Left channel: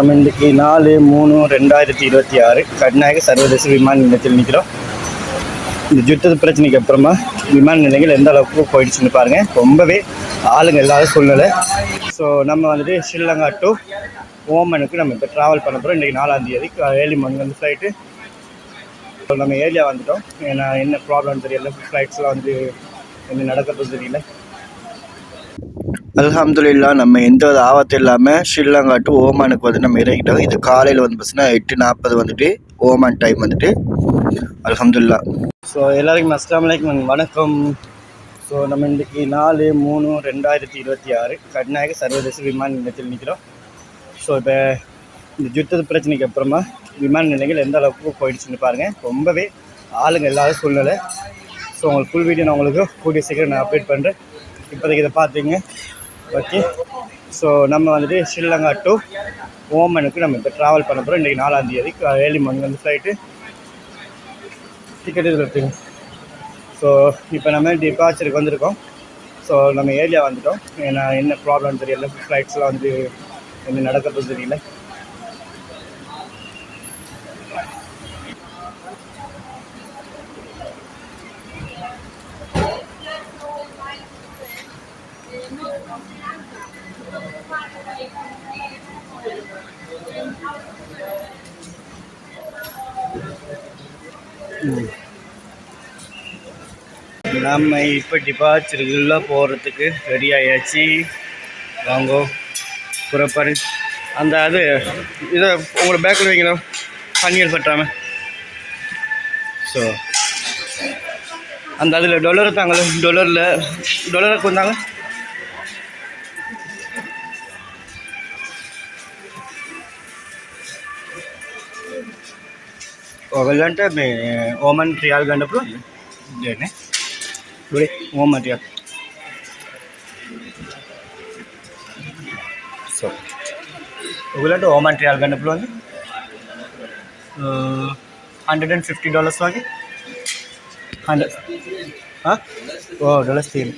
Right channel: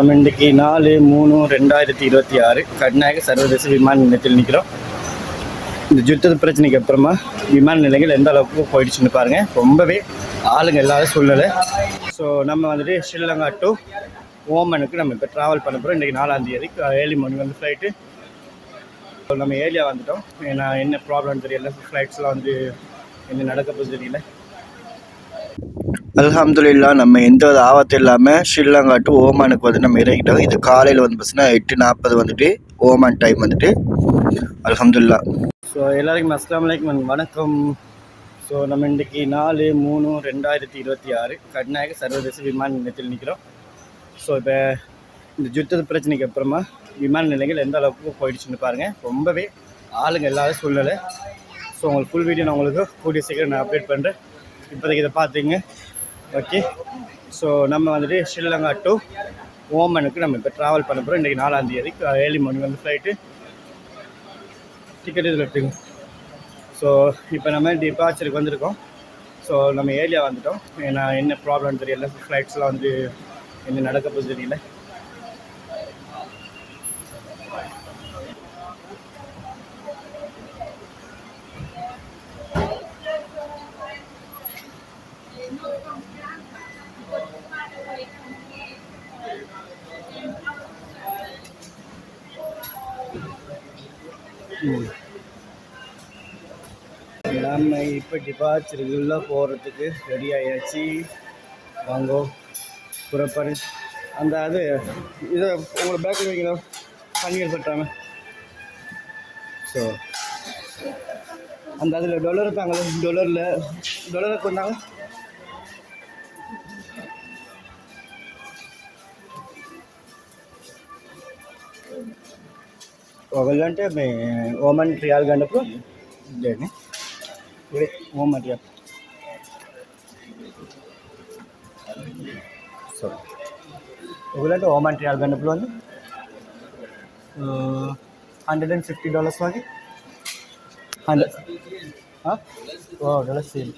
நம்ம இன்றைக்கி 4/3/2026 கர்நாடக சர்வதேச விமான நிலையத்தில் நிற்கிறோம். இந்த யுத்த பிரச்சனைக்கு அப்புறமா விமான நிலையங்கள் எந்த அளவுக்கு போயிடுச்சுன்னு பாருங்கள். ரொம்பவே ஆளுங்க இல்லாத சூழ்நிலை. ஸோ நம்ம வந்துட்டு ஸ்ரீலங்கா டு ஓமனுக்கு நம்ம இப்போ ட்ராவல் பண்ண போகிறோம். இன்றைக்கி 4ஆம் தேதி ஏர்லி மார்னிங் வந்து ஃப்ளைட்டு. ஸோ நம்ம ஏரியா வந்துட்டோம். ஏன்னா என்ன ப்ராப்ளம்னு தெரியல, ஃப்ளைட்ஸ்லாம் வந்து என்ன நடக்கிறது தெரியல. அல்ஹம்துலில்லாஹ் நம்ம எந்த ஒரு ஆபத்து இல்லாமல் ஸ்ரீலங்கா டு ஓமானுக்கு வந்து நம்ம இறங்கிட்டோம். இது காலையில் வந்து பார்த்தீங்கன்னா 8:40 வந்துட்டு ஓமான் டைம் வந்துட்டு. அல்ஹம்துலில்லாஹ். ஸோ எல்லாருக்கும் அஸ்ஸலாமு அலைக்கும், வணக்கம். ஸோ நம்ம இன்றைக்கி 4/3/2026 கர்நாடக சர்வதேச விமான நிலையத்தில் நிற்கிறோம். ஸோ இப்போ இந்த யுத்த பிரச்சனைக்கு அப்புறமா விமான நிலையங்கள் எந்த அளவுக்கு போயிடுச்சுன்னு பாருங்கள். ரொம்பவே ஆளுங்க இல்லாத சூழ்நிலை. ஸோ உங்களுக்கு ஃபுல் வீடியோ நான் உங்களுக்கு கூடிய சீக்கிரம் நான் அப்டேட் பண்ணுறேன். இப்போதைக்கு இதை பார்த்தீங்க. ஓகே, ஸோ நம்ம வந்துட்டு ஸ்ரீலங்கா டு ஓமனுக்கு நம்ம இப்போ ட்ராவல் பண்ண போகிறோம். இன்றைக்கி 4ஆம் தேதி ஏர்லி மார்னிங் வந்து ஃப்ளைட்டு. டிக்கெட் இதில் எடுத்துங்க. ஸோ இப்போ நம்ம டிபார்ச்சருக்கு வந்திருக்கோம். ஸோ நம்ம ஏரியா வந்துட்டோம். ஏன்னா என்ன ப்ராப்ளம்னு தெரியல, ஃப்ளைட்ஸ்லாம் வந்து என்ன நடக்கிறது தெரியல. நம்ம இப்போ டிபார்ச்சருக்குள்ளே போகிறதுக்கு ரெடி ஆகியாச்சு. வாங்கோ புறப்பாடு. அந்த அது இதை உங்களோட பேக்கில் வைக்கணும், பன்னீர் பற்றாமல். ஸோ அந்த அதில் டொலர் தாங்களே, டொலரை கொண்டாங்க. వెళ్ళంటే ఓమన్ రియాల్ గంటప్పుడు ఇదేనే ఓమన్ రియాల్. సో వెళ్ళంటే ఓమన్ రియాల్ గంటప్పుడు అని $150 వాకి 100 ఓ ಡಾಲರ್ಸ್ ಸೇಮ್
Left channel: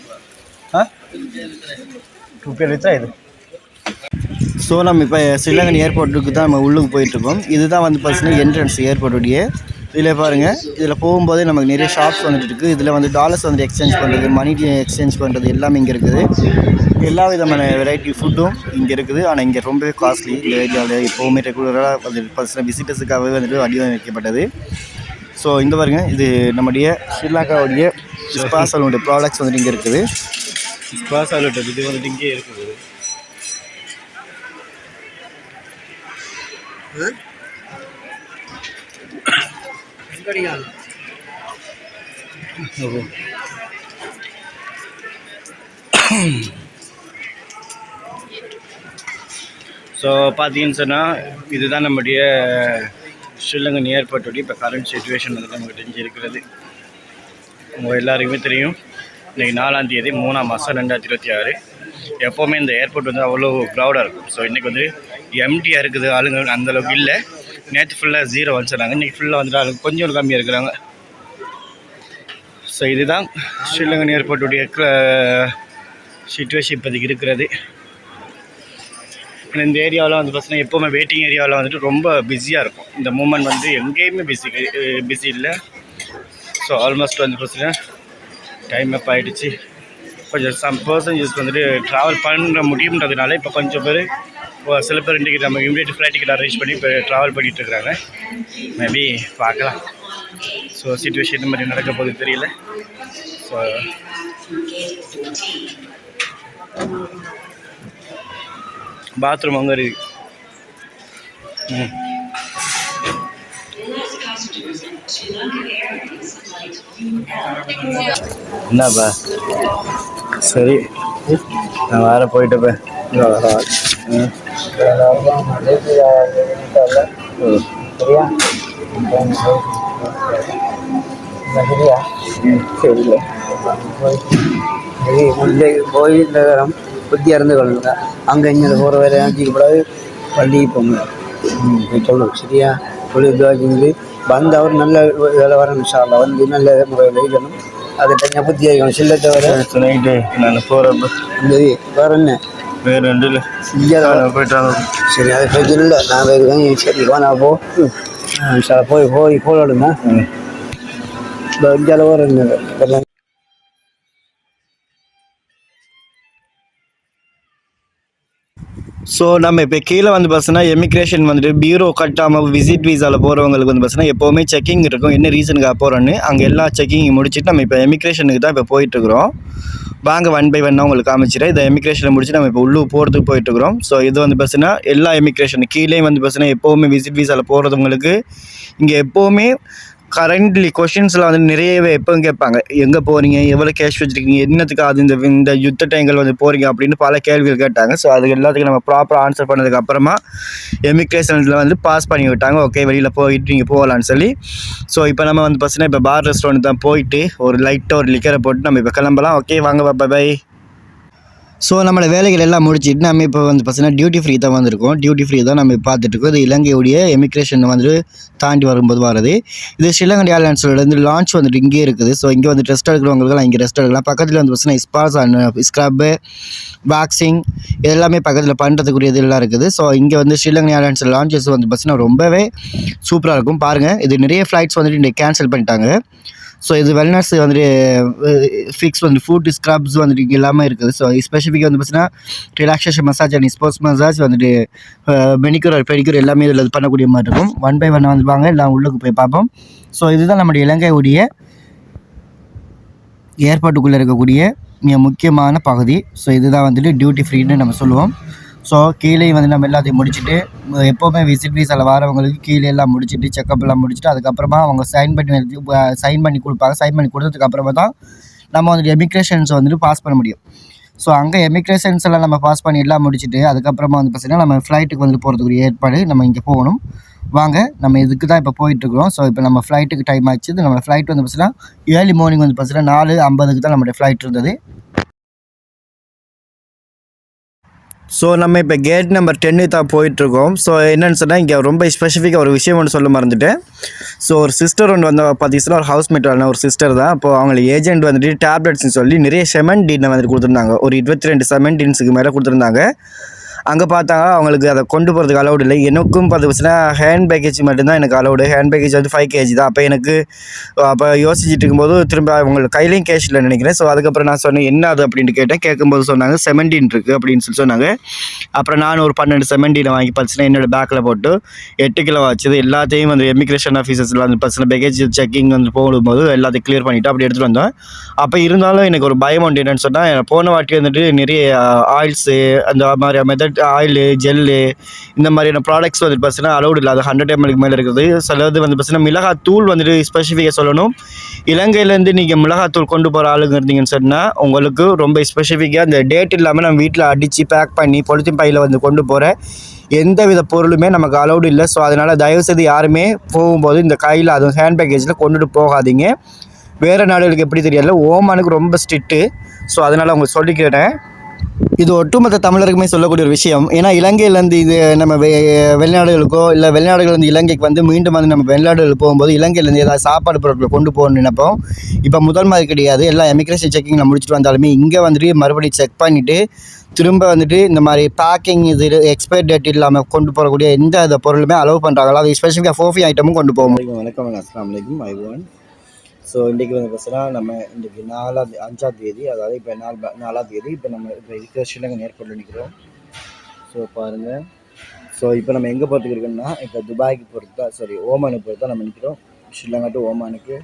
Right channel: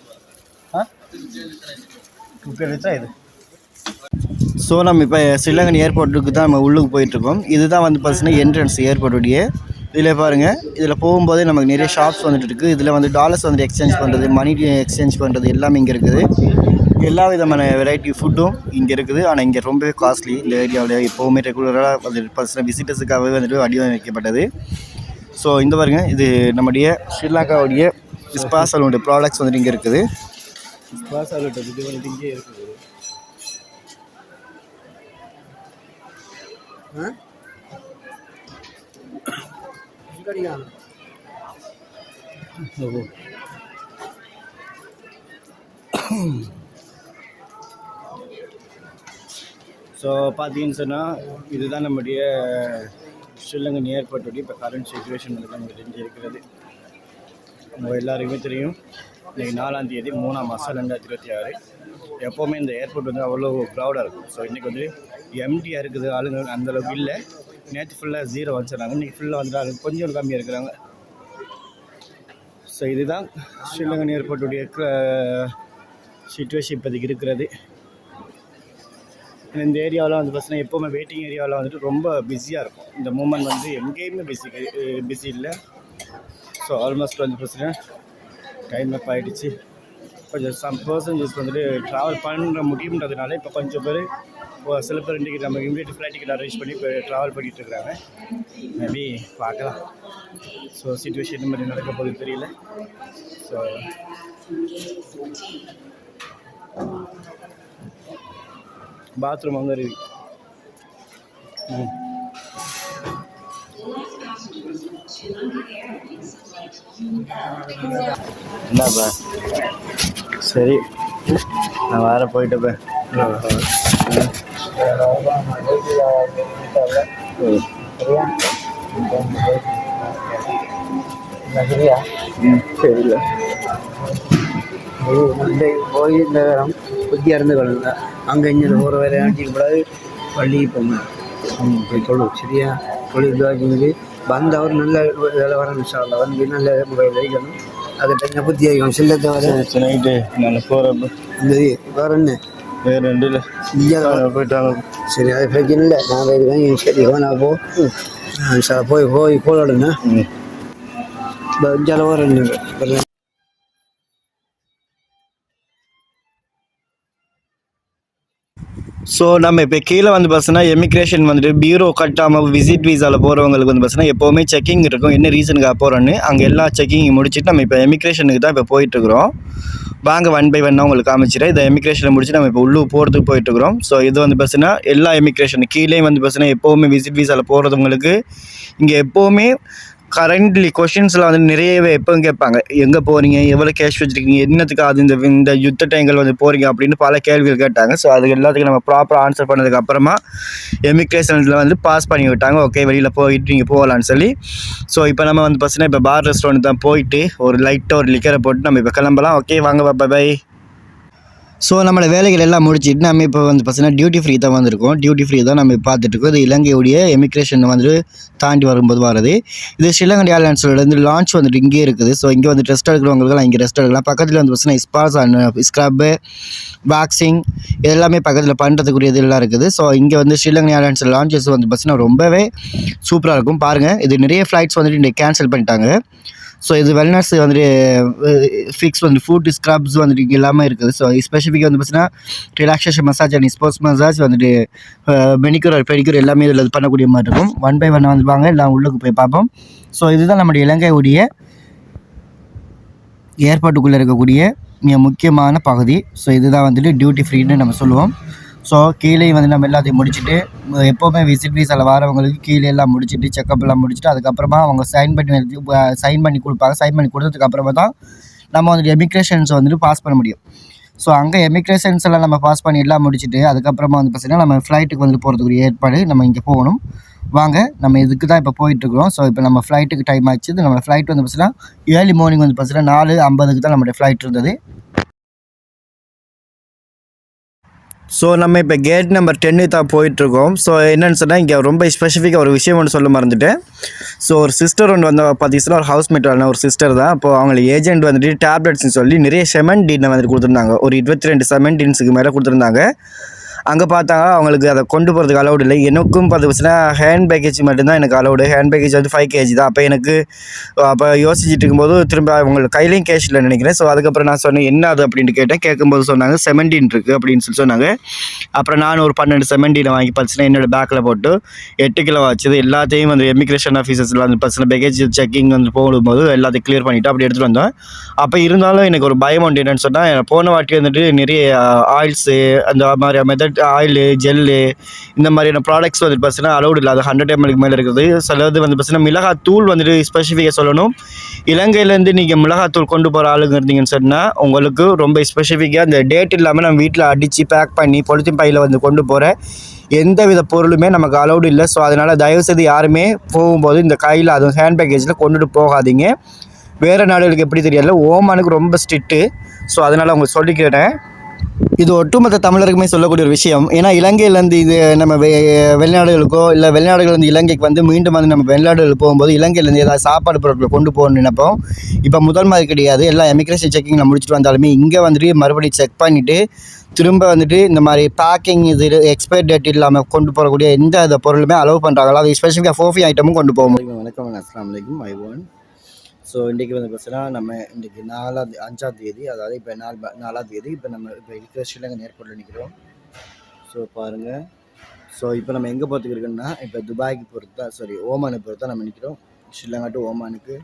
ரூபாய் வச்சா இது. ஸோ நம்ம இப்போ ஸ்ரீலங்கன் ஏர்போர்ட்டுக்கு தான் நம்ம உள்ளுக்கு போயிட்டுருக்கோம். இதுதான் வந்து பார்த்தீங்கன்னா என்ட்ரன்ஸ் ஏர்போர்ட்டுடைய. இதில் பாருங்கள், இதில் போகும்போதே நமக்கு நிறைய ஷாப்ஸ் வந்துட்டு இருக்குது. இதில் வந்து டாலர்ஸ் வந்து எக்ஸ்சேஞ்ச் பண்ணுறது, மணி எக்ஸ்சேஞ்ச் பண்ணுறது எல்லாமே இங்கே இருக்குது. எல்லா விதமான வெரைட்டி ஃபுட்டும் இங்கே இருக்குது. ஆனால் இங்கே ரொம்பவே காஸ்ட்லி. இந்த ஏரியாவில் எப்போவுமே ரெகுலராக வந்து பார்த்தீங்கன்னா விசிட்டர்ஸுக்காகவே வந்துட்டு வடிவமைக்கப்பட்டது. ஸோ இந்த பாருங்கள், இது நம்முடைய ஸ்ரீலங்காவுடைய ஸ்பாசலுடைய ப்ராடக்ட்ஸ் வந்துட்டு இங்கே இருக்குது. ஸ்பாசலுடைய இது வந்துட்டு இங்கே இருக்குது. ஸோ பார்த்தீங்கன்னு சொன்னால் இதுதான் நம்முடைய ஸ்ரீலங்கன் ஏர்போர்ட்டுடைய இப்போ கரண்ட் சிச்சுவேஷன் வந்து நமக்கு தெரிஞ்சு இருக்கிறது. உங்கள் எல்லாருக்குமே தெரியும், இன்றைக்கி 4ஆம் தேதி 3ஆம் மாதம் 2026. எப்போவுமே இந்த ஏர்போர்ட் வந்து அவ்வளோ க்ரௌடாக இருக்கும். ஸோ இன்றைக்கி வந்து எம்டியாக இருக்குது, ஆளுங்க அந்தளவுக்கு இல்லை. நேற்று ஃபுல்லாக 0 வச்சுருந்தாங்க, இன்றைக்கி ஃபுல்லாக வந்துட்டு ஆளுங்க கொஞ்சம் கம்மியாக இருக்கிறாங்க. ஸோ இதுதான் ஸ்ரீலங்கன் ஏர்போர்ட்டுடைய சிச்சுவேஷன் இப்போதைக்கு இருக்கிறது. இந்த ஏரியாவில் வந்து பார்த்தீங்கன்னா எப்போவுமே வெயிட்டிங் ஏரியாவில் வந்துட்டு ரொம்ப பிஸியாக இருக்கும். இந்த மூமெண்ட் வந்து எங்கேயுமே பிஸி இல்லை. ஸோ ஆல்மோஸ்ட் வந்து பார்த்தீங்கன்னா டைம் அப் ஆகிடுச்சு. கொஞ்சம் சம் பர்சன்ஜஸ் வந்துட்டு ட்ராவல் பண்ண முடியுன்றதுனால இப்போ கொஞ்சம் பேர், சில பேர் இன்றைக்கி நம்ம இமீடியட் ஃப்ளைட் டிக்கெட் அரேஞ்ச் பண்ணி இப்போ ட்ராவல் பண்ணிகிட்ருக்குறாங்க. மேபி பார்க்கலாம். ஸோ சிச்சுவேஷன் இந்த மாதிரி நடக்க போகுது தெரியல. ஸோ பாத்ரூம் அங்கே இருக்குது. என்னப்பா, சரி நான் வேறு போயிட்டப்ப. சரியா போய் நகரம் புத்தியாக இருந்து கொள்ளுங்க. அங்கே இங்கே போகிற வேலை ஆக்கிட்டு கூடாது. பள்ளி போங்க சொல்லணும். சரியா சொல்லி இதுவாக்கி வந்து அவர் நல்ல வேலை வரணும். சாலை வந்து நல்ல முறையில் வைக்கணும். அதை தனியாக புத்தி ஆகிக்கணும். சில்ல தவிர நைட்டு நான் போகிறப்ப அந்த வேறு என்ன வேறு ரெண்டு இல்லை போயிட்டாங்க. சரி அது பிரச்சனை இல்லை, நான் இருக்கேன். சரி நான் போய் ஃபோன் எடுங்க. ஜலவா ரெண்டு ஸோ நம்ம இப்போ கீழே வந்து பார்த்தீங்கன்னா எமிக்ரேஷன் வந்துட்டு பியூரோ கட்டாமல் விசிட் வீசாவில் போகிறவங்களுக்கு வந்து பார்த்தீங்கன்னா எப்போவுமே செக்கிங் இருக்கும். என்ன ரீசனுக்காக போகிறோன்னு அங்கே எல்லா செக்கிங் முடிச்சுட்டு நம்ம இப்போ எமிக்ரேஷனுக்கு தான் இப்போ போயிட்டுருக்குறோம். வாங்க 1 by 1 உங்களுக்கு காமிச்சிட்டேன். இதை எமிக்ரேஷனை முடிச்சு நம்ம இப்போ உள்ளே போகிறதுக்கு போயிட்டுருக்குறோம். ஸோ இது வந்து பார்த்தீங்கன்னா எல்லா எமிக்ரேஷன் கீழே வந்து பார்த்தீங்கன்னா எப்போவுமே விசிட் வீசாவில் போகிறவங்களுக்கு இங்கே எப்போவுமே கரண்ட்லி கொஷின்ஸில் வந்து நிறையவே எப்போவும் கேட்பாங்க. எங்கே போகிறீங்க, எவ்வளோ கேஷ் வச்சுருக்கீங்க, என்னத்துக்கு அது இந்த யுத்த டைங்கள் வந்து போகிறீங்க அப்படின்னு பல கேள்விகள் கேட்டாங்க. ஸோ அது எல்லாத்துக்கும் நம்ம ப்ராப்பராக ஆன்சர் பண்ணதுக்கப்புறமா எமிக்ரேஷனில் வந்து பாஸ் பண்ணி விட்டாங்க. ஓகே வெளியில் போயிட்டு நீங்கள் போகலான்னு சொல்லி. ஸோ இப்போ நம்ம வந்து பார்த்தீங்கன்னா இப்போ பார் ரெஸ்டாரண்ட் தான் போயிட்டு ஒரு லைட்டாக ஒரு லிக்கரை போட்டு நம்ம இப்போ கிளம்பலாம். ஓகே வாங்க பை. ஸோ நம்மளோட வேலைகள் எல்லாம் முடிச்சுட்டு நம்ம இப்போ வந்து பார்த்தீங்கன்னா டியூட்டி ஃப்ரீ தான் வந்திருக்கோம். டியூட்டி ஃப்ரீ தான் நம்ம பார்த்துட்ருக்கோம். இது இலங்கையுடைய எமிக்ரேஷன் வந்து தாண்டி வரும்போது வரது. இது ஸ்ரீலங்கா ஏர்லைன்ஸோட லான்ச் வந்துட்டு இங்கே இருக்குது. ஸோ இங்கே வந்து ரெஸ்ட் எடுக்கிறவங்களுக்குலாம் இங்கே ரெஸ்ட் எடுக்கலாம். பக்கத்தில் வந்து பார்த்தீங்கன்னா ஸ்பாஸ் அண்ட் ஸ்க்ரப்பு, வேக்சிங் எல்லாமே பக்கத்தில் பண்ணுறதுக்குரிய இதெல்லாம் இருக்குது. ஸோ இங்கே வந்து ஸ்ரீலங்கா ஏர்லைன்ஸ் லான்ச்சஸ் வந்து பார்த்தீங்கன்னா ரொம்பவே சூப்பராக இருக்கும். பாருங்கள், இது நிறைய ஃப்ளைட்ஸ் வந்துட்டு இன்றைக்கி கேன்சல் பண்ணிட்டாங்க. ஸோ இது வெல்னஸ் வந்துட்டு ஃபிக்ஸ் வந்து ஃபுட் ஸ்க்ரப்ஸ் வந்துட்டு இங்கே எல்லாமே இருக்குது. ஸோ ஸ்பெசிஃபிக்காக வந்து பார்த்தீங்கன்னா relaxation massage and sports massage வந்துட்டு மெனிக்யூர் பெடிக்யூர் எல்லாமே இதில் பண்ணக்கூடிய மாதிரி இருக்கும். 1 by 1 வந்து வாங்க எல்லாம் உள்ளுக்கு போய் பார்ப்போம். ஸோ இதுதான் நம்முடைய இலங்கையுடைய ஏர்போர்ட்டுக்குள்ளே இருக்கக்கூடிய மிக முக்கியமான பகுதி. ஸோ இதுதான் வந்துட்டு டியூட்டி ஃப்ரீன்னு நம்ம சொல்லுவோம். ஸோ கீழே வந்து நம்ம எல்லாத்தையும் முடிச்சுட்டு எப்போவுமே விசிட் வீசாவில் வரவங்களுக்கு கீழே எல்லாம் முடிச்சுட்டு செக்கப்லாம் முடிச்சுட்டு அதுக்கப்புறமா அவங்க சைன் பண்ணி கொடுப்பாங்க. சைன் பண்ணி கொடுத்ததுக்கப்புறமா தான் நம்ம வந்துட்டு எமிக்ரேஷன்ஸ் வந்துட்டு பாஸ் பண்ண முடியும். ஸோ அங்கே எமிக்ரேஷன்ஸ் எல்லாம் நம்ம பாஸ் பண்ணி எல்லாம் முடிச்சுட்டு அதுக்கப்புறமா வந்து பார்த்தீங்கன்னா நம்ம ஃப்ளைட்டுக்கு வந்து போகிறதுக்குரிய ஏற்பாடு நம்ம இங்கே போகணும். வாங்க நம்ம இதுக்கு தான் இப்போ போயிட்டுருக்குறோம். ஸோ இப்போ நம்ம ஃப்ளைட்டுக்கு டைம் ஆச்சு. நம்ம ஃப்ளைட் வந்து பார்த்தீங்கன்னா ஏர்லி மார்னிங் வந்து பார்த்தீங்கன்னா 4:50 தான் நம்மளுடைய ஃப்ளைட் இருந்தது. ஸோ நம்ம இப்போ கேட் நம்பர் 10 தான் போயிட்டுருக்கோம். ஸோ என்னென்னு சொன்னால் இங்கே ரொம்ப ஸ்பெசிஃபிக்காக ஒரு விஷயம் ஒன்று சொல்ல மறந்துட்டேன். ஸோ ஒரு சிஸ்டர் ஒன்று வந்து பார்த்தீங்கன்னா ஒரு ஹவுஸ்மேட் ஒரு சிஸ்டர் தான். அப்போது அவங்களுக்கு ஏஜென்ட் வந்துட்டு டேப்லெட்ஸ்னு சொல்லி நிறைய செமண்டினை வந்துட்டு கொடுத்துருந்தாங்க. ஒரு 22 செமண்டின்ஸுக்கு மேலே கொடுத்துருந்தாங்க. அங்கே பார்த்தா அவங்களுக்கு அதை கொண்டு போகிறதுக்கு அலௌடு இல்லை. எனக்கும் பார்த்தீங்கன்னா ஹேண்ட் பேக்கேஜ் மட்டும்தான் எனக்கு அலௌடு. ஹேண்ட் பேக்கேஜ் வந்து 5 kg தான். அப்போ யோசிச்சுட்டு இருக்கும்போது திரும்ப அவங்களுக்கு கையிலையும் கேஷ் இல்லை நினைக்கிறேன். ஸோ அதுக்கப்புறம் நான் சொன்னேன் என்ன அது அப்படின்ட்டு கேட்டேன். கேட்கும்போது சொன்னாங்க 17 இருக்குது அப்படின்னு சொல்லி சொன்னாங்க. அப்புறம் நான் ஒரு 12 17 வாங்கி பார்த்தீங்கன்னா என்னோடய பேக்கில் போட்டு 8 கிலோ வச்சது எல்லாத்தையும் வந்து எமிக்ரேஷன் ஆஃபீஸர்ஸில் வந்து பார்த்தீங்கன்னா பேக்கேஜ் செக்கிங் வந்து போகும்போது எல்லாத்தையும் கிளியர் பண்ணிவிட்டு அப்படி எடுத்துகிட்டு வந்தோம். அப்போ இருந்தாலும் எனக்கு ஒரு பயம் உண்டு. என்னென்னு சொன்னால் போன வாட்டி வந்துட்டு நிறைய ஆயில்ஸு அந்த மாதிரி மெத்தட் ஆயிலு ஜெல்லு இந்த மாதிரியான ப்ராடக்ட்ஸ் வந்து பார்த்தீங்கன்னா அலௌடு இல்லை. அது 100 ml மேலே இருக்குது. சிலது வந்து பார்த்தீங்கன்னா மிளகாத்தூள் வந்துட்டு ஸ்பெசிஃபிக்காக சொல்லணும். இலங்கையிலேருந்து நீங்கள் மிளகாத்தூள் கொண்டு போகிற ஆளுங்க இருந்தீங்கன்னு சொன்னால் உங்களுக்கு ரொம்ப ஸ்பெசிஃபிக்காக அந்த டேட் இல்லாமல் நம்ம வீட்டில் அடித்து பேக் பண்ணி பொலித்தீன் பையில் வந்து கொண்டு போகிற எந்த வித பொருளுமே நமக்கு அலௌடு இல்லை. ஸோ அதனால் தயவுசெய்து யாருமே போகும்போது இந்த கையில் அதுவும் ஹேண்ட் பேக்கேஜில் கொண்டுட்டு போகாதீங்க. வேறு நாடுகளுக்கு எப்படி தெரியல, ஓமானுக்கு ரொம்ப ஸ்ட்ரிக்ட்டு. ஸோ அதனால் அவங்க சொல்லிக்கிறேன். இது ஒட்டுமொத்த தமிழருக்குமே சொல்லக்கூடிய ஒரு விஷயம். ஏன்னா இலங்கையிலேருந்து இது நம்ம வெளிநாடுகளுக்கோ இல்லை வெளிநாடுகள்லேருந்து இலங்கைக்கு வந்து மீண்டும் வந்து நம்ம வெளிநாடுகளுக்கு போகும்போது இலங்கையிலேருந்து ஏதாவது சாப்பாடு பொருட்களை கொண்டு போகணும்னு நினைப்போம். இப்போ முதல் மாதிரி கிடையாது. எல்லாம் எமிக்ரேஷன் செக்கிங்கில் முடிச்சுட்டு வந்தாலுமே இங்கே வந்துட்டு மறுபடியும் செக் பண்ணிவிட்டு திரும்ப வந்துட்டு இந்த மாதிரி பேக்கிங் இது எக்ஸ்பைரி டேட் இல்லாமல் கொண்டு போகக்கூடிய எந்த பொருளுமே அலோவ் பண்ணுறாங்களா. அது ஸ்பெசிஃபிக்காக ஃபோஃபி ஐட்டமும் கொண்டு போக முடியும். வணக்கம், அஸ்ஸலாமு அலைக்கும். ஸோ இன்றைக்கி வந்து பார்த்தீங்கன்னா நம்ம இன்றைக்கி 5ஆம் தேதி, அதாவது இப்போ 4ஆம் தேதி. இப்போ நம்ம இப்போ இருக்கிற ஸ்ரீலங்கன் ஏர்போர்ட்டில் நிற்கிறோம். ஸோ பாருங்கள். ஸோ இப்போ நம்ம எங்கே போகிறதுக்கு இருக்குன்னா இப்போ துபாய்க்கு போகிறது தான், ஓமானுக்கு போகிறது தான் நம்ம நிற்கிறோம். ஸ்ரீலங்கா டு ஓமானுக்கு.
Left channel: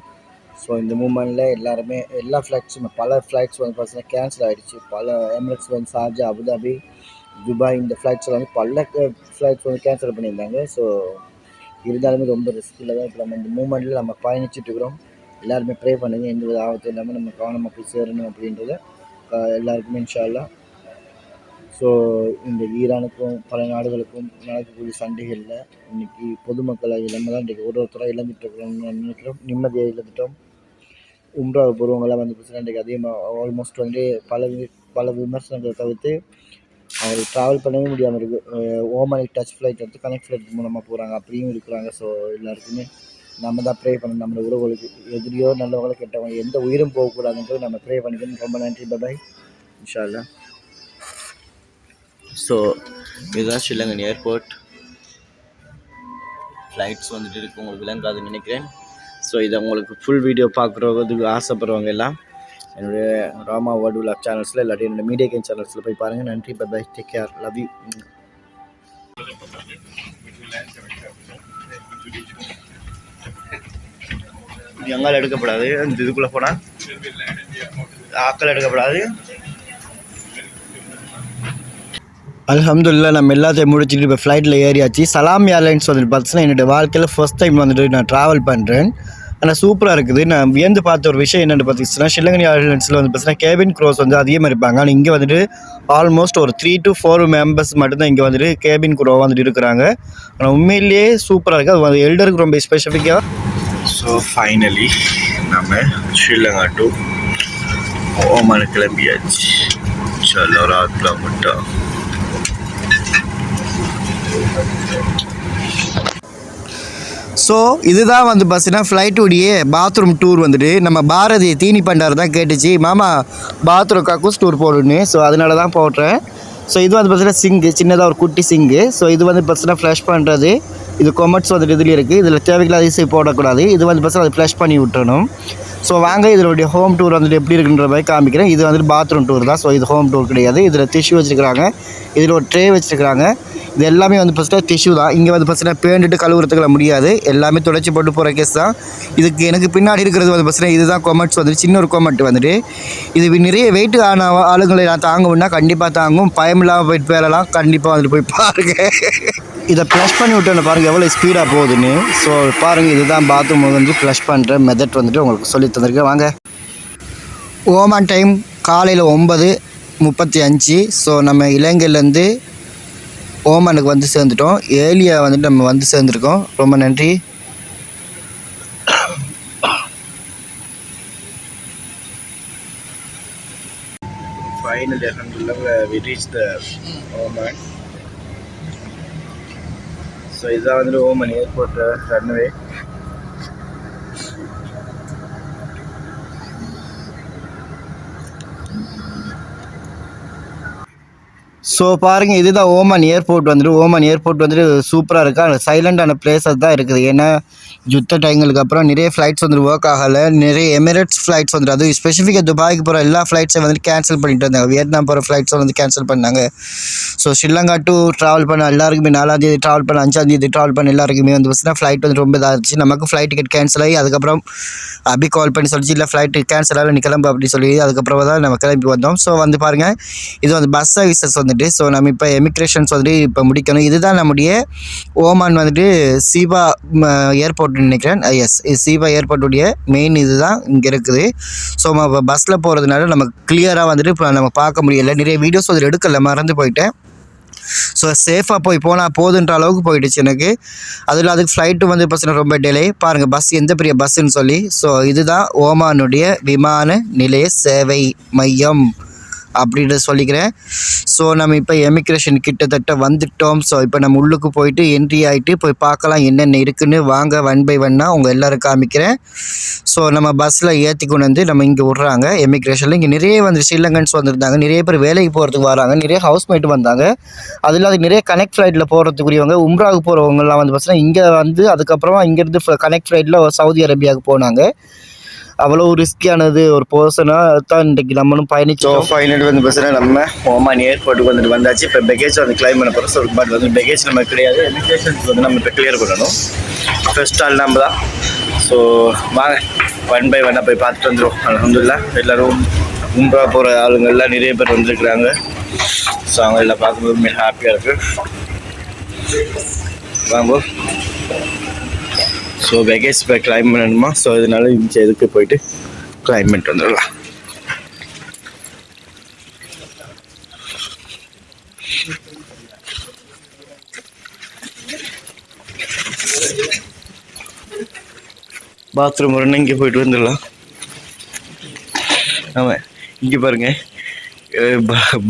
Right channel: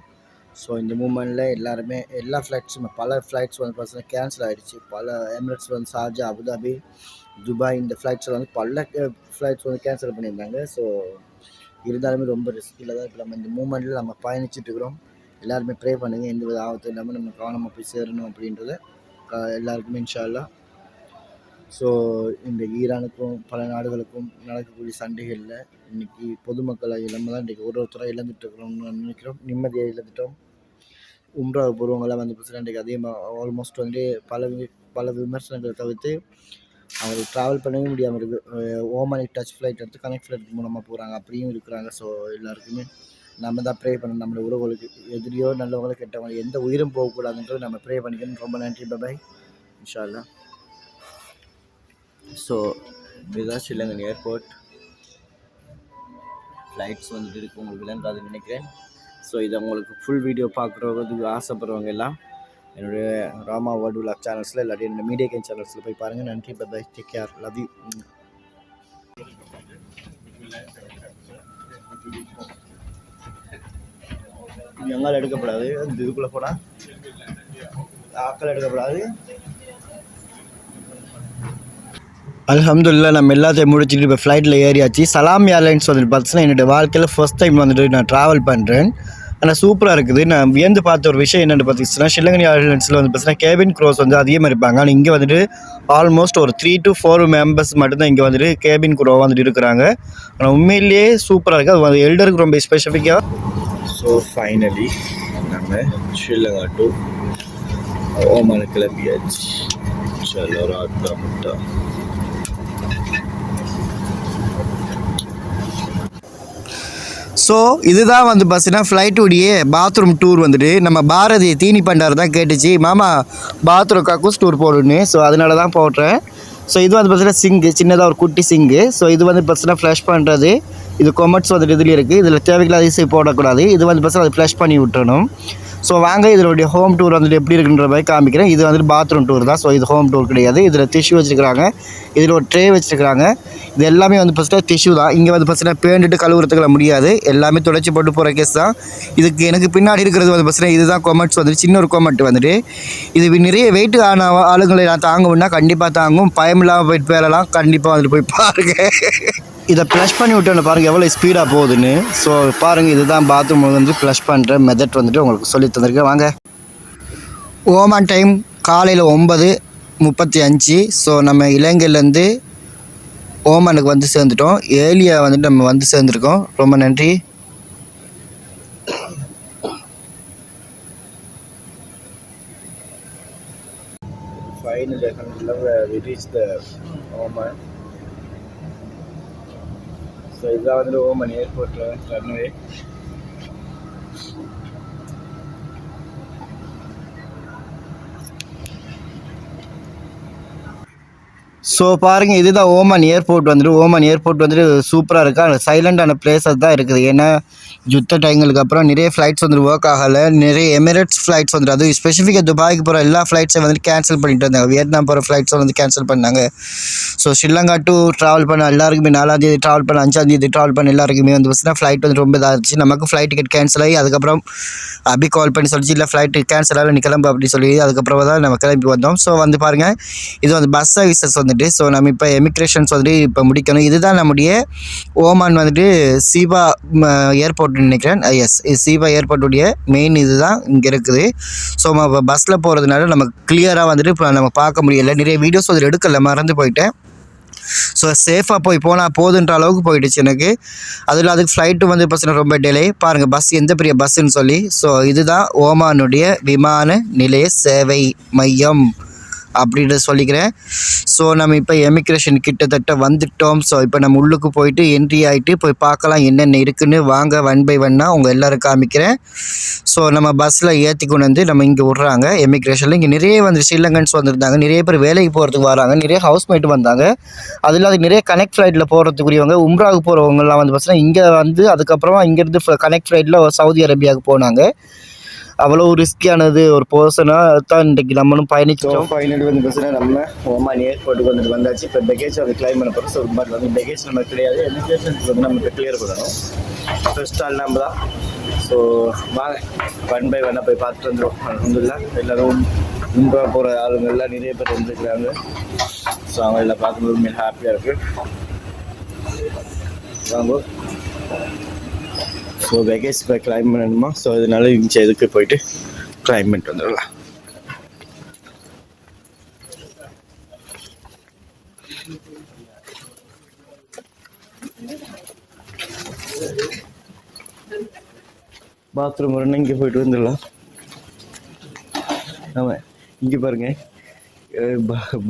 ஸோ இந்த மூமெண்ட்டில் எல்லாருமே எல்லா ஃப்ளைட்ஸும் பல ஃப்ளைட்ஸ் வந்து பார்த்தீங்கன்னா கேன்சல் ஆகிடுச்சு. பல எமிரேட்ஸ் வந்து ஷார்ஜா, அபுதாபி, துபாய் இந்த ஃப்ளைட்ஸில் வந்து பல ஃப்ளைட்ஸ் வந்து கேன்சல் பண்ணியிருந்தாங்க. ஸோ இருந்தாலுமே ரொம்ப ரிஸ்கில் தான் இப்போ நம்ம இந்த மூமெண்ட்டில் நம்ம பயணிச்சுட்டு இருக்கிறோம். எல்லாருமே ப்ரே பண்ணுங்க, எந்த ஒரு ஆபத்தும் இல்லாமல் நம்ம கவனமாக போய் சேரணும் அப்படின்றத எல்லாருக்குமே இன்ஷா அல்லாஹ். ஸோ இந்த ஈரானுக்கும் பல நாடுகளுக்கும் நடக்கக்கூடிய சண்டைகளில் இன்றைக்கி பொதுமக்களை நம்ம தான் இன்றைக்கி ஒருத்தராக இழந்துட்டுருக்கிறோம்னு நினைக்கிறோம். நிம்மதியை இழந்துட்டோம். உம்ரா பூர்வங்களாக வந்து பார்த்தீங்கன்னா இன்றைக்கி அதிகமாக ஆல்மோஸ்ட் வந்து பல விமர்சனங்களை தவிர்த்து அவங்களுக்கு ட்ராவல் பண்ணவே முடியாமல் இருக்குது. ஓமானிக் டச் ஃப்ளைட் எடுத்து கனெக்ட் ஃப்ளைட் மூலமாக போகிறாங்க, அப்படியும் இருக்கிறாங்க. ஸோ எல்லாருக்குமே நம்ம தான் ப்ரே பண்ணணும். நம்மளோட உறவுகளுக்கு எதிரியோ நல்லவங்களோ கெட்டவங்க எந்த உயிரும் போகக்கூடாதுன்றது நம்ம ப்ரே பண்ணிக்கணும். ரொம்ப நன்றி. பாய், இன்ஷா அல்லாஹ். ஸோ இதுதான் ஸ்ரீலங்கன் ஏர்போர்ட். ஃப்ளைட்ஸ் வந்துட்டு இருக்குது, உங்களுக்கு விளங்காதுன்னு நினைக்கிறேன். ஸோ இதை உங்களுக்கு ஃபுல் வீடியோ பார்க்குறதுக்கு ஆசைப்படுறவங்க எல்லாம் என்னுடைய ராமா வேர்ல்டு விலாக் சேனல்ஸில் இல்லாட்டி என்னோட மீடியா கேன் சேனல்ஸில் போய் பாருங்கள். நன்றி, bye, take care, love you. இது எங்கால எடுக்கப்படாது, இந்த இதுக்குள்ளே போனால் ஆக்கள் எடுக்கப்படாது. அல்ஹம்துலில்லாஹ் நம்ம எல்லாத்தையும் முடிச்சுட்டு இப்போ ஃப்ளைட்டில் ஏறியாச்சு. சலாம் ஏர்லைன்ஸ் வந்துட்டு பார்த்தீங்கன்னா என்னோடய வாழ்க்கையில் ஃபர்ஸ்ட் டைம் வந்துட்டு நான் ட்ராவல் பண்ணுறேன். ஆனால் சூப்பராக இருக்குது. நான் வியந்து பார்த்த ஒரு விஷயம் என்னென்னு பார்த்தீங்கன்னா, ஸ்ரீலங்கன் ஏர்லைன்ஸில் வந்து பார்த்தீங்கன்னா கேபின் க்ரோஸ் வந்து அதிகமாக இருப்பாங்க. ஆனால் இங்கே வந்துட்டு ஆல்மோஸ்ட் ஒரு 3 to 4 மெம்பர்ஸ் மட்டும்தான் இங்கே வந்துட்டு கேபின் க்ரோ வந்துட்டு இருக்கிறாங்க. ஆனால் உண்மையிலேயே சூப்பராக இருக்குது. அது எல்டருக்கு ரொம்ப ஸ்பெசிஃபிக்காக. ஸோ ஃபைனலி நம்ம ஸ்ரீலங்கா டு ஓமான் கிளம்பியாச்சு. சலோ ராத்ல மட்டும். ஸோ இதுதான் வந்து பார்த்தீங்கன்னா ஃப்ளைட்டுடைய பாத்ரூம் டூர் வந்துட்டு நம்ம பாரதி தீனி பண்டார் தான் கேட்டுச்சு, மாமா பாத்ரூம் கக்கூஸ் டூர் போடுன்னு. ஸோ அதனால தான் போடுறேன். ஸோ இது வந்து பார்த்தீங்கன்னா சிங்கு, சின்னதாக ஒரு குட்டி சிங்கு. ஸோ இது வந்து பார்த்தீங்கன்னா ஃப்ளஷ் பண்ணுறது. இது கொமெண்ட்ஸ் வந்துட்டு இதுலேயும் இருக்குது. இதில் தேவையில்லாத இசை போடக்கூடாது. இது வந்து பார்த்தீங்கன்னா அது ஃப்ளஷ் பண்ணி விட்டுறணும். ஸோ வாங்க இதனுடைய ஹோம் டூர் வந்துட்டு எப்படி இருக்குன்ற மாதிரி காமிக்கிறேன். இது வந்துட்டு பாத்ரூம் டூர் தான். ஸோ இது ஹோம் டூர் கிடையாது. இதில் டிஷ்யூ வச்சுருக்காங்க, இதில் ஒரு ட்ரே வச்சுருக்காங்க. இது எல்லாமே வந்து ஃபஸ்ட்டு டிஷ்யூ தான். இங்கே வந்து ஃபஸ்ட்டு பேண்டுட்டு கழுவுறதுக்குள்ள முடியாது, எல்லாமே துடைச்சி போட்டு போகிற கேஸ் தான். இதுக்கு எனக்கு பின்னாடி இருக்கிறது வந்து ஃபஸ்ட்டு இதுதான் கொமெண்ட்ஸ் வந்துட்டு, சின்ன ஒரு கொமெண்ட் வந்துட்டு. இது நிறைய வெயிட் ஆன ஆளுங்களை நான் தாங்கும்னா கண்டிப்பாக தாங்கும். பயமில்லாமல் போயிட்டு பேரலாம், கண்டிப்பாக வந்துட்டு போய் பாருங்கள். இதை ப்ளஷ் பண்ணி விட்டு பாருங்கள் எவ்வளோ ஸ்பீடாக போகுதுன்னு. ஸோ பாருங்கள், இதுதான் பாத்ரூம் வந்து ப்ளஷ் பண்ணுற மெத்தட் வந்துட்டு உங்களுக்கு சொல்லி தந்திருக்கேன். வாங்க. ஓமான் டைம் காலையில் 9:35. ஸோ நம்ம இலங்கையிலேருந்து ஓமானுக்கு வந்து சேர்ந்துட்டோம். ஏர்லியாக வந்துட்டு நம்ம வந்து சேர்ந்துருக்கோம். ரொம்ப நன்றி. Finally, alhamdulillah, we reached the Oman. So இதுதான் வந்து ஓமன் ஏர்போர்ட் ரன்வே. ஸோ பாருங்கள், இதுதான் ஓமான் ஏர்போர்ட் வந்துட்டு. ஓமான் ஏர்போர்ட் வந்துட்டு சூப்பராக இருக்குது. அந்த சைலண்டான பிளேஸஸ் தான் இருக்குது. ஏன்னா யுத்த டைங்களுக்கு அப்புறம் நிறைய ஃப்ளைட்ஸ் வந்துட்டு ஒர்க் ஆகலை. நிறைய எமிரேட்ஸ் ஃப்ளைட்ஸ் வந்துட்டு, அது ஸ்பெசிஃபிக்காக துபாய்க்கு போகிற எல்லா ஃப்ளைட்ஸையும் வந்துட்டு கேன்சல் பண்ணிட்டு வந்தாங்க. வியட்நாம் போகிற ஃப்ளைட்ஸை வந்து கேன்சல் பண்ணாங்க. ஸோ ஸ்ரீலங்கா டு ட்ராவல் பண்ண எல்லாருக்குமே 4ஆம் தேதி ட்ராவல் பண்ண, 5ஆம் தேதி ட்ராவல் பண்ண எல்லாருக்குமே வந்து பார்த்தீங்கன்னா ஃப்ளைட் வந்து ரொம்ப இதாக இருந்துச்சு. நமக்கு ஃப்ளைட் டிக்கெட் கேன்சல் ஆகி அதுக்கப்புறம் அப்படி கால் பண்ணி சொல்லிச்சு, இல்லை ஃப்ளைட்டு கேன்சல் ஆகலை, நீ கிளம்பு அப்படி சொல்லி அதுக்கப்புறம் தான் நம்ம கிளம்பி வந்தோம். ஸோ வந்து பாருங்கள், இது வந்து பஸ் சர்வீசஸ் வந்துட்டு. ஸோ நம்ம இப்போ எமிக்ரேஷன்ஸ் வந்துட்டு இப்போ முடிக்கணும். இதுதான் நம்முடைய ஓமான் வந்துட்டு சீபா ஏர்போர்ட்னு நினைக்கிறேன். எஸ், இது சீபா ஏர்போர்ட்டுடைய மெயின் இது தான் இங்கே இருக்குது. ஸோ நம்ம பஸ்ஸில் போகிறதுனால நமக்கு கிளியராக வந்துட்டு இப்போ நம்ம பார்க்க முடியலை. நிறைய வீடியோஸ் அதில் எடுக்கலை, மறந்து போயிட்டேன். ஸோ சேஃபாக போனால் போதுன்ற அளவுக்கு போயிடுச்சு எனக்கு. அதில் அதுக்கு ஃப்ளைட்டு வந்து பஸ்ஸில் ரொம்ப டிலே. பாருங்கள் பஸ் எந்த பெரிய பஸ்ஸுன்னு சொல்லி. ஸோ இதுதான் ஓமானுடைய விமான நிலைய சேவை மையம் அப்படின்னு சொல்லிக்கிறேன். ஸோ நம்ம இப்போ எமிக்ரேஷன் கிட்டத்தட்ட வந்துட்டோம். ஸோ இப்போ நம்ம உள்ளுக்கு போயிட்டு என்ட்ரி ஆகிட்டு போய் பார்க்கலாம் என்னென்ன இருக்குதுன்னு. வாங்க, 1 by 1 உங்கள் எல்லோரும் காமிக்கிறேன். ஸோ நம்ம பஸ்ஸில் ஏற்றி கொண்டு வந்து நம்ம இங்கே விட்றாங்க எமிக்ரேஷனில். இங்கே நிறைய வந்து ஸ்ரீலங்கன்ஸ் வந்திருந்தாங்க, நிறைய பேர் வேலைக்கு போகிறதுக்கு வராங்க, நிறைய ஹவுஸ்மேட் வந்தாங்க. அதில் அது நிறைய கனெக்ட் ஃப்ளைட்டில் போகிறதுக்குரியவங்க, உம்ராவுக்கு போகிறவங்கலாம் வந்து பார்த்தீங்கன்னா இங்கே வந்து அதுக்கப்புறமா இங்கேருந்து கனெக்ட் ஃப்ளைட்டில் சவுதி அரேபியாவுக்கு போனாங்க. அவ்வளோ ரிஸ்கியானது ஒரு பர்சனாக தான் இன்றைக்கி நம்மளும் பயணிச்சோம். ஃபைனல் வந்து பார்த்தீங்கன்னா நம்ம ஓமான் ஏர்போர்ட்டுக்கு வந்துட்டு வந்தாச்சு. இப்போ பெகேஜ் வந்து கிளைம் பண்ண போகிறோம். ஸோ பட் வந்து பெகேஜ் நம்ம கிடையாது, எமிக்ரேஷன்ஸ் வந்து நம்ம இப்போ கிளியர் பண்ணணும். ஃபர்ஸ்ட் ஆள் நம்ம தான். ஸோ வாங்க 1 by 1 போய் பார்த்துட்டு வந்துடும். அல்ஹம்துலில்லாஹ் எல்லோரும் உம்ரா போகிற ஆளுங்கள்லாம் நிறைய பேர் வந்துருக்குறாங்க. ஸோ அவங்க எல்லாம் பார்க்கும்போது மிக ஹாப்பியாக இருக்குது. வாங்க. ஸோ பேகேஜ் இப்போ கிளைம் பண்ணணுமா? ஸோ இதனால இந்த இதுக்கு போயிட்டு கிளைம் பண்ணிட்டு வந்துடலாம். பாத்ரூம் வரணும், இங்கே போயிட்டு வந்துடலாம். ஆமாம், இங்கே பாருங்கள்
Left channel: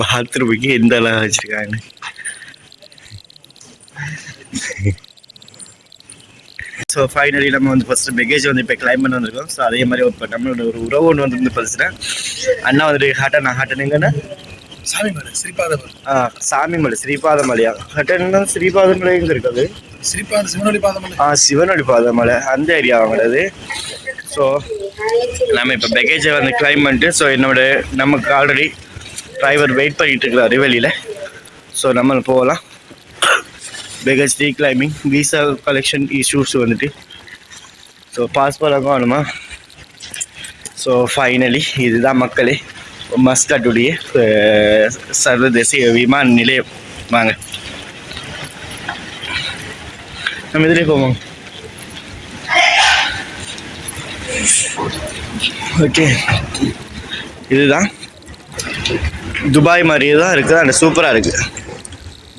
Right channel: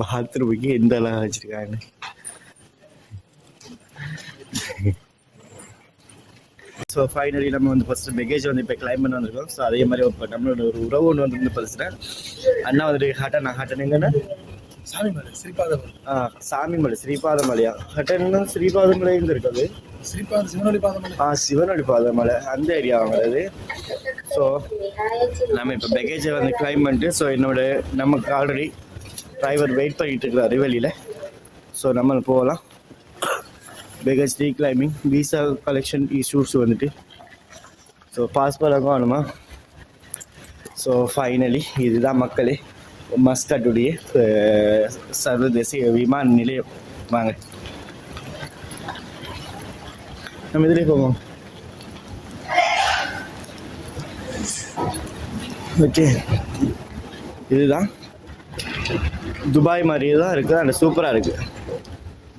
பாத்ரூமுக்கு எந்த அளவு வச்சுருக்காங்க. ஸோ ஃபைனலி நம்ம வந்து ஃபஸ்ட்டு பேகேஜ் வந்து இப்போ கிளைம் பண்ண வந்திருக்கோம். ஸோ அதே மாதிரி இப்போ நம்மளோட ஒரு உறவு ஒன்று வந்து பார்த்தீங்கன்னா அண்ணா வந்துட்டு ஹாட்டா நான் ஹாட்டனுங்கண்ணா சாமிமலை ஸ்ரீபாதமலை. சாமிமலை ஸ்ரீபாதமலையா? கட்டணம் ஸ்ரீபாதமலை எங்கே இருக்குது? சிவனொளி பாதமலை. சிவனொளி பாதமலை அந்த ஏரியா வாங்குறது. ஸோ நம்ம இப்போ பேக்கேஜை வந்து கிளைம் பண்ணிட்டு, ஸோ நமக்கு ஆல்ரெடி டிரைவர் வெயிட் பண்ணிட்டு இருக்கிறாரு வெளியில். ஸோ நம்ம போகலாம். Package claiming visa collection issues வந்துட்டு, ஸோ பாஸ்போர்ட் காணுமா? ஸோ ஃபைனலி இதுதான் மக்களே மஸ்கட்டுடைய சர்வதேச விமான நிலையம். வாங்க நம்ம இதிலே போவோம். ஓகே, இதுதான் துபாய் மாதிரியே தான் இருக்குது. அந்த சூப்பராக இருக்குது.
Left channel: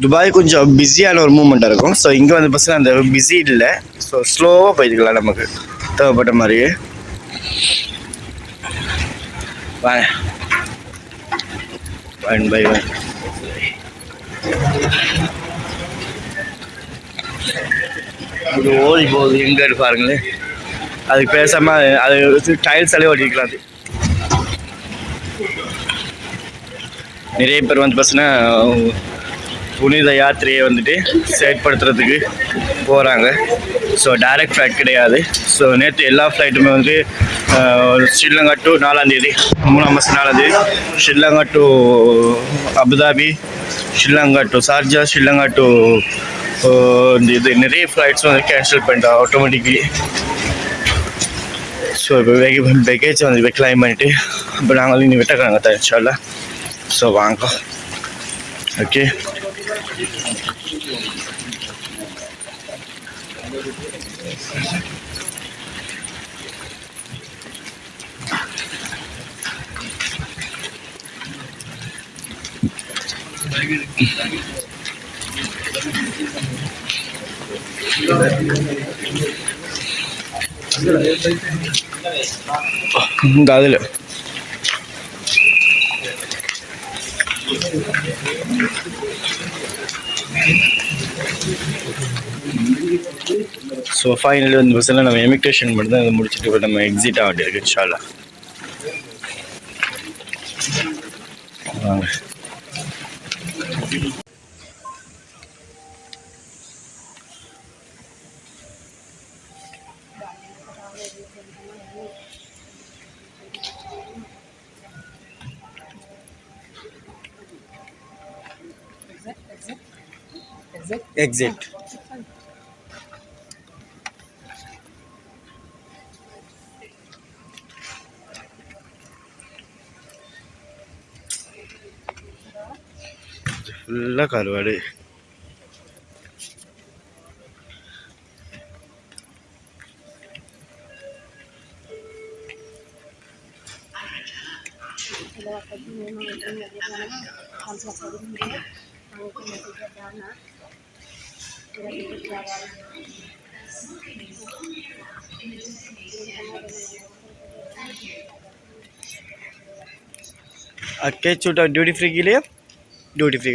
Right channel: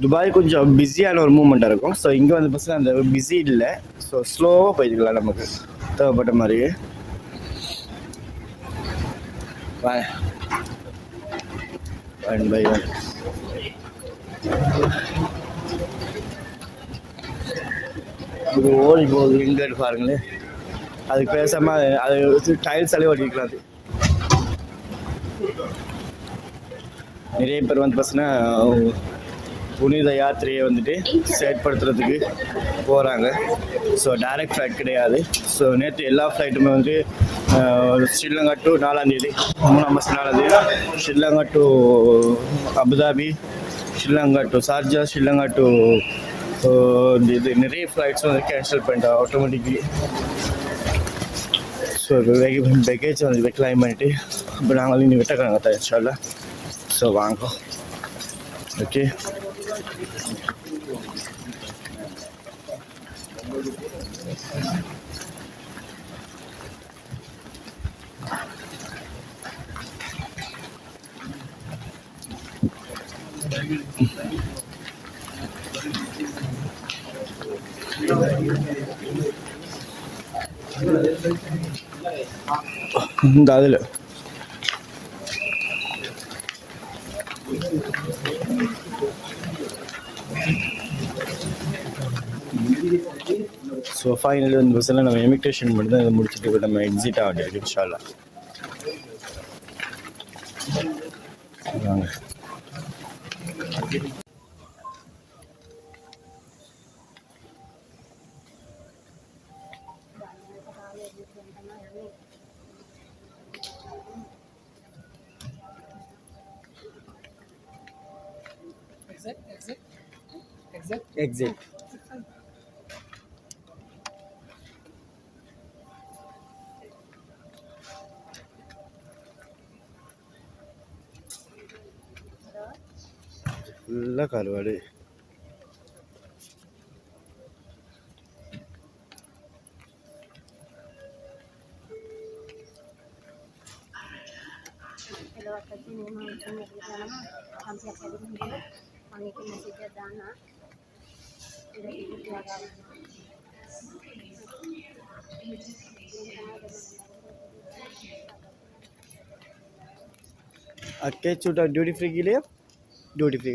துபாய் கொஞ்சம் பிஸியான ஒரு மூமெண்ட்டாக இருக்கும். ஸோ இங்கே வந்து பஸ்ஸில் அந்த பிஸி இல்லை. ஸோ ஸ்லோவாக போயிருக்கலாம் நமக்கு தேவைப்பட்ட மாதிரியே. வாங்க ஒன் பை ஒன். இது ஓடி போகுது எங்கே பாருங்களேன். அதுக்கு பேசாமல் அது டைல்ஸாலே ஓடிக்கலாம். அது நிறைய பேர் வந்து பார்த்தீங்கன்னா புனித யாத்திரையை வந்துட்டு செயற்படுத்துறதுக்கு போகிறாங்க. ஸோ டைரக்ட் ஃப்ளைட் கிடையாது. ஸோ நேற்று எல்லா ஃப்ளைட்டுமே வந்து ஸ்ரீலங்கா டு 4ஆம் தேதி 3ஆம் மாதம் 4ஆம் தேதி Sri Lanka to Abu Dhabi, Sri Lanka to Sharjah, Sri Lanka to இது நிறைய ஃப்ளைட்ஸ் வந்து கேன்சல் பண்ணிட்டோம் ஆட்டோமேட்டிக்லி. ஸோ இப்போ பேக்கேஜ் வந்து இப்போ கிளைம் பண்ணிவிட்டு இப்போ நாங்கள் இன்னும் விட்டுக்கிறாங்க தான் இன்ஷால்லா. ஸோ வாங்க. ஓகே, இந்த அதில் ஸோ ஃபைனலி வந்து பஸ்ஸில் நம்ம இமிக்ரேஷன் மட்டும் தான் இதை முடிச்சுட்டு இப்போ நம்ம எக்ஸிட் ஆகிட்டு இருக்கு இன்ஷால்லா. வாங்க. எக்ஸிட். ஃபுல்லாக கருவாடு. अक्के छोटा ड्यूटी फ्री के लिए ड्यूटी फ्री